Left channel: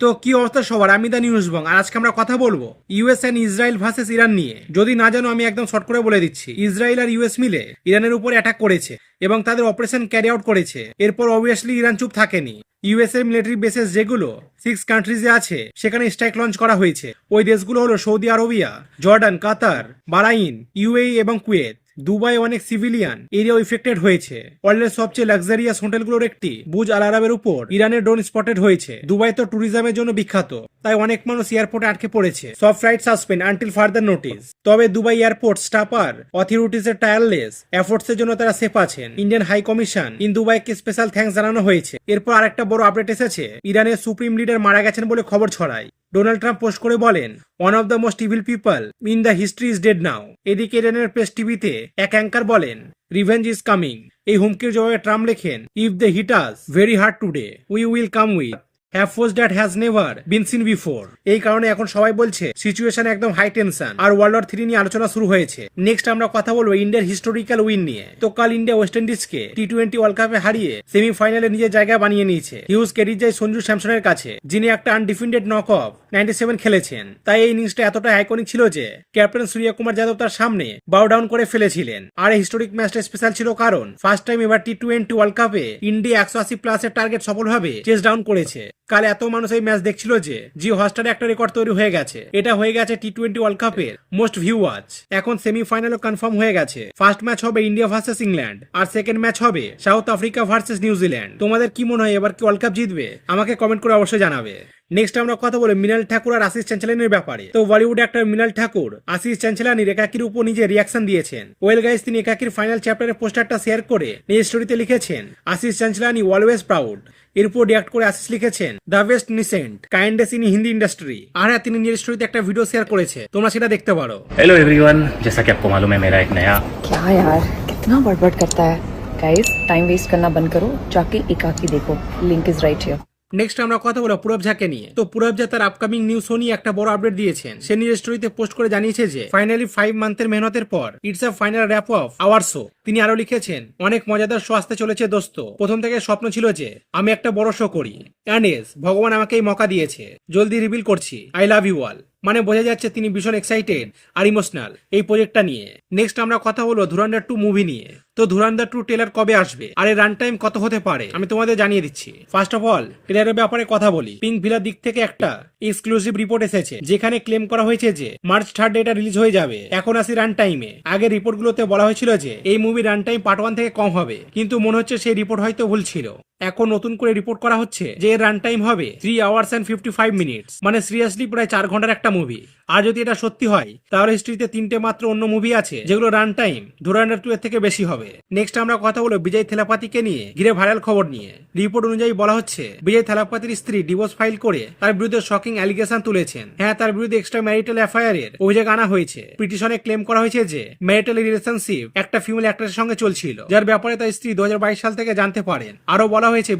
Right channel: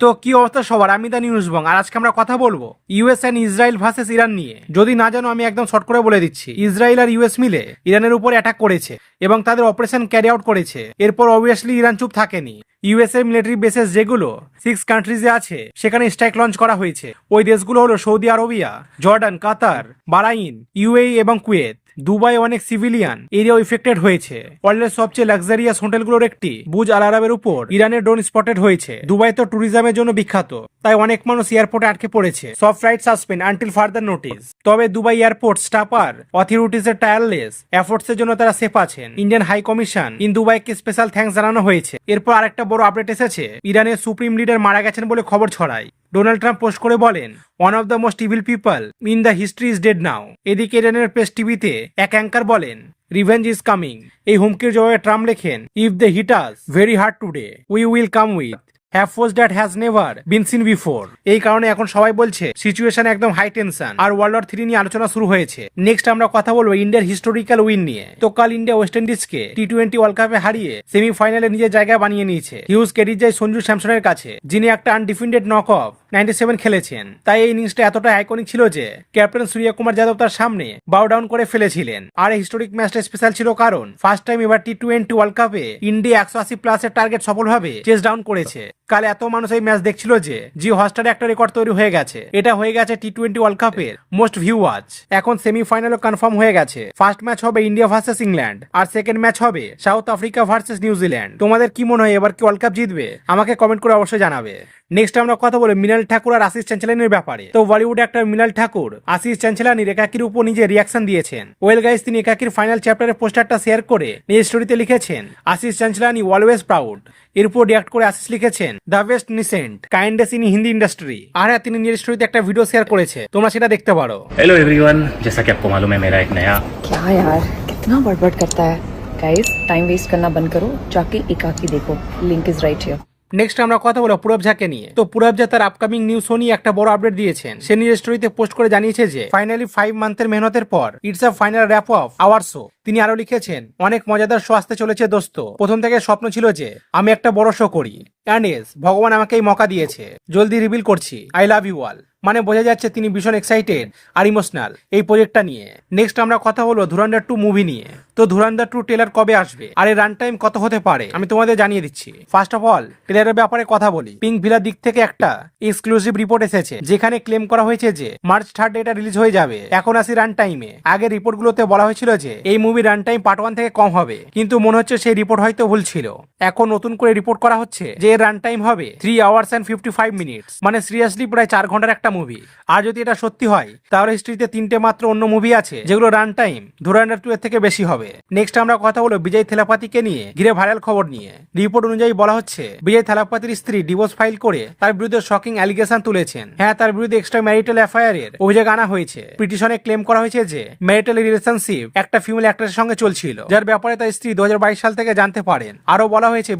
তো কি অবস্থা সবার, আমি দা নিউজ বং। আর আজকে আমরা কথা বলবো US and Israel versus Iran নিয়ে। যদি না জানো আমি একদম শর্ট করে বলে দিচ্ছি, ইসরায়েল আর ইউএস মিলে ইরানের উপর অ্যাটাক করেছে এবং তাদের অপারেশন ক্যারি আউট করেছে। এরপর অবভিয়াসলি ইরান চুপ থাকেনি। ইউএস এর মিলিটারি বেসেস যেগুলো 6 কান্ট্রিজে আছে সেখানে স্ট্রাইক লঞ্চ করা হয়েছে। ওই দেশগুলো হলো সৌদি আরবিয়া, জর্ডান, কাতার, বাহরাইন, ইউএই এবং কুয়েত। দুবাই অনেক সিভিলিয়ান এরিয়াও ইফেক্টেড হয়েছে। ওয়ার্ল্ডের সবচেয়ে লাক্সারিয়াস হোটেলগুলোর একটি বুজ আল আরবের উপর ইরানের ড্রোন স্পটেড হয়েছে। দুবাই তো ট্যুরিজমের জন্য বিখ্যাত, তাই অনেক মানুষ এয়ারপোর্টে আটকে পড়েছে। সব flight suspend until further notice. তবে দুবাই এয়ারপোর্ট স্টাফ আর অথরিটিজ এর টায়ারলেস এফোর্টস এর জন্য তারা সেফ আছেন। ইন্ডিয়ান হাই কমিশন ইন দুবাইকে স্পেশাল থ্যাঙ্কস জানানো হয়েছে। এরপর আরেকটা বড় আপডেট এসেছে, ইরানের সুপ্রিম লিডার মারা গেছেন বলে খবর ছড়ায়। ডোনাল্ড ট্রাম্প পোস্ট করে বলেন, one of the most evil people in the history is dead নাও। এদিকে ইরানের প্রেস টিভিতে এক অ্যাঙ্কার বলেন, রিভেঞ্জ ইজ কামিং। এই হুমকির জবাবে ট্রাম্প লেখেন, if they hit us very hard today we will come with have force that has never been seen before. এই কারণে এখন সবাই বলছে সিচুয়েশন একদম হাই টেনশন আর ওয়ার্ল্ড ওয়ার 3 নিয়ে আলোচনা শুরু হয়েছে। নেক্সট আমরা কথা বলবো ইন্ডিয়ার হিস্টোরিক্যাল উইন নিয়ে। তো কাল ইন্ডিয়া ওয়েস্ট ইন্ডিজকে টি-20 ওয়ার্ল্ড কাপে হারিয়ে সেমিফাইনালে নিজের জায়গা বানিয়ে নিয়েছে। হিউজ ক্রেডিট যায় সঞ্জু স্যামসনের কাছে, যিনি একটা আনডিফেন্ডেড নক অফ 97 খেলেছেন। তাই এই ইনিংসটা এতটা আইকনিক ছিল যে ক্যাপ্টেন সূর্য কুমার যাদব তার সামনে বাউ ডাউন করে ফেলেছিলেন। আর এই হিস্টোরিক ম্যাচটা স্পেশাল ছিল কারণ ফার্স্ট টাইম এবার টি-20 ওয়ার্ল্ড কাপে ইন্ডিয়া 180 প্লাসের টার্গেট সফলভাবে চেস ডাউন করেছে। কাল এত মানুষ এই ম্যাচ দেখছিল যে জিও হটস্টারে একটা রেকর্ড তৈরি হয়ে গেছে। এটা হয়ে গেছে টি-20 ওয়ার্ল্ড কাপের মোস্ট ভিউ ওয়াচ। এখন সেমিফাইনালও কনফার্ম হয়ে গেছে। ফার্স্ট ম্যাচ হবে ইন্ডিয়া ভার্সেস ইংল্যান্ড আর সেকেন্ড ম্যাচ হবে সাউথ আফ্রিকা ভার্সেস নিউজিল্যান্ড। তোমাদের কি মনে হয় এবার কি ওয়ার্ল্ড কাপ জিতবে? আমাকে কমেন্ট করে অবশ্যই জানাবে। নেক্সট আমরা কথা বলি মৃণাল ঠাকুর আর আশিস চ্যাঞ্চেলানির ব্যাপারে। তো বলিউড অ্যাক্টর মৃণাল ঠাকুর আশিস চ্যাঞ্চেলানির একাকির উপর নিজে রিয়াকশন দিয়েছেন। ওয়েল গাইস, তিনি একাকির ফাইনাল চ্যাপ্টারের পোস্টারটা শেয়ার করে নিজ স্টোরিতে লিখেছেন, আশিস চ্যাঞ্চেলানি অলওয়েজ প্রাউড। এর উপর রিয়াক্ট করে আশিস লিখেছেন, the best innocent kindness in Hindi industry. আর হ্যাঁ, তিনি নিজের স্টোরিতে একটা ভিডিও শেয়ার করেছে, তোমরা সেটা দেখতে পারো। हेलो एवरीवन, जैसा कि आपको मालूम है मेरा एक नया क्या यार कितना बड़बड़ करता है। गाइस टाइम वेस्ट करना बंद करो, जाके एकाकी देखो, link is right here. Next আমরা কথা বলবো পূরব ঝাকে নিয়ে। তো পূরব ঝা তার আপকামিং নিউজ শো নিয়ে একটা বড় আপডেট দিয়েছেন। সে নিজের স্টোরিতে পোস্ট করে জানিয়েছে যে ফাইনালি 5 মান্থের মেহনতের পর it's a final wrap of our show. তিনি আরো লিখেছেন, অনেক মজাদার শো আসতে চলেছে দোস্ত। প্রথম থেকে স্বপ্ন ছিল যে আমি একটা বড় শো করি, অ্যান্ড এস ভগবান আমাকে এই মকা দিয়েছে। জলদি রিভিল করছি, আই লাভ ইউ অল। মানে বোঝা যাচ্ছে তিনি ভীষণ এক্সাইটেড আর ইমোশনাল এই প্রজেক্টটা নিয়ে। নেক্সট আমরা কথা বলবো ধুরন্ধর 2 মুভি নিয়ে। তো ধুরন্ধর 2 ট্রেলার কবে আসবে আর এর রান টাইম কত হতে পারে আমি তোমাদের জানিয়ে দিচ্ছি। ফার্স্ট অফ অল ট্রেলারের ব্যাপারে কথা বলি। পিঙ্ক ভিলার দিক থেকে একটা এক্সক্লুসিভ রিপোর্ট এসেছে, যেখানে ক্লেম করা হয়েছে যে মার্চ 3 এটা রিলিজ হয়ে যাবে। এখন আসি রান টাইমে। আগের রিপোর্টগুলোতে বলা হয়েছিল যে এই মুভি রান টাইম পার্ট 1 থেকে কম হবে, কিন্তু মনে হচ্ছে সেই রিপোর্ট হয়তো ভুল ছিল। এখন নতুন করে রিপোর্ট করা হচ্ছে যে এর রান টাইম হবে 3 আওয়ার্স এন্ড 55 মিনিটস। মানে সিরিয়াসলি প্রায় 4 ঘন্টার একটা মুভি। আর যদি এটা সত্যি হয় তাহলে হিস্ট্রিতে 3টে মাত্র অন্য মুভি আছে যেগুলো রান টাইম ধুরন্ধর 2 এর থেকে বেশি হবে। নেক্সট আমরা কথা বলবো বিজয় থেলাপাতিকে নিয়ে ঘিরে ভাইরাল খবর নিয়ে। রিপোর্ট অনুযায়ী বলা হচ্ছে বিজয় থেলাপাতির স্ত্রী ডিভোর্স ফাইল করে তার বিরুদ্ধে শকিং অ্যালিগেশন তুলেছেন। হ্যাঁ, তার বিরুদ্ধে এক্সট্রা ম্যারিটাল অ্যাফেয়ারের অভিযোগ আনা হয়েছে। পিটিশনে ক্লেম করা হয়েছে যে ম্যারিটাল রিলেশনশিপ একটা ফিমেল অ্যাক্টরের সঙ্গে চলছিল, যার ব্যাপারে তার স্ত্রী 2022 সাল থেকে জানতে পারেন। আরো বলা হয়েছে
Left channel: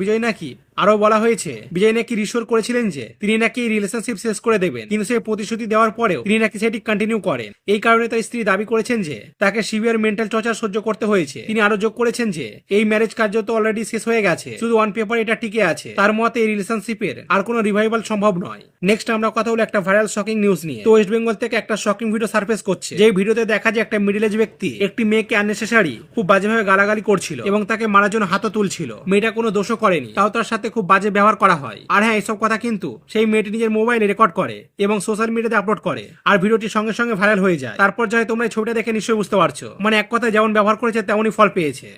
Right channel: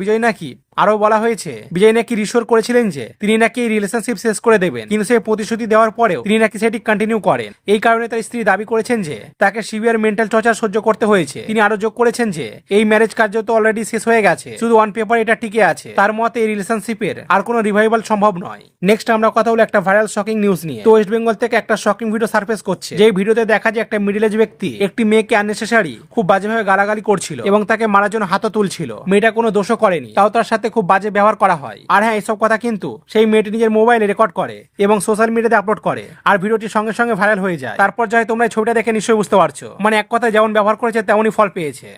বিজয় নাকি রিশোর করেছিলেন যে তিনি নাকি এই রিলেশনশিপ শেষ করে দেবেন, কিন্তু সেই প্রতিশ্রুতি দেওয়ার পরেও তিনি নাকি সেটি কন্টিনিউ করেন। এই কারণে তার স্ত্রী দাবি করেছেন যে তাকে সিভিয়ার মেন্টাল টর্চার সহ্য করতে হয়েছে। তিনি আরো যোগ করেছেন যে এই ম্যারেজ কার্য তো অলরেডি শেষ হয়ে গেছে, শুধু অন পেপার এটা টিকে আছে। তার মতে এই রিলেশনশিপের আর কোনো রিভাইভাল সম্ভব নয়। নেক্সট আমরা কথা বলি একটা ভাইরাল শকিং নিউজ নিয়ে। তো ওয়েস্ট বেঙ্গল থেকে একটা শকিং ভিডিও সার্ফেস করছে, যে ভিডিওতে দেখা যায় একটা মিডল এজ ব্যক্তি একটি মেয়েকে আননেসেসারি খুব বাজেভাবে গালাগালি করছিল এবং তাকে মারার জন্য হাতও তুলছিল। মেয়েটা কোনো দোষও করেনি, তাও তার সাথে খুব বাজে ব্যবহার করা হয়। আর হ্যাঁ, এইসব কথা কিন্তু সেই মেয়েটি নিজের মোবাইলে রেকর্ড করে এবং সোশ্যাল মিডিয়াতে আপলোড করে, আর ভিডিওটি সঙ্গে সঙ্গে ভাইরাল হয়ে যায়। তারপর যাই তোমরা এই ছবিটা দেখে নিশ্চয়ই বুঝতে পারছো, মানে এক কথায় যেমন ব্যবহার করেছে তেমনই ফল পেয়েছে।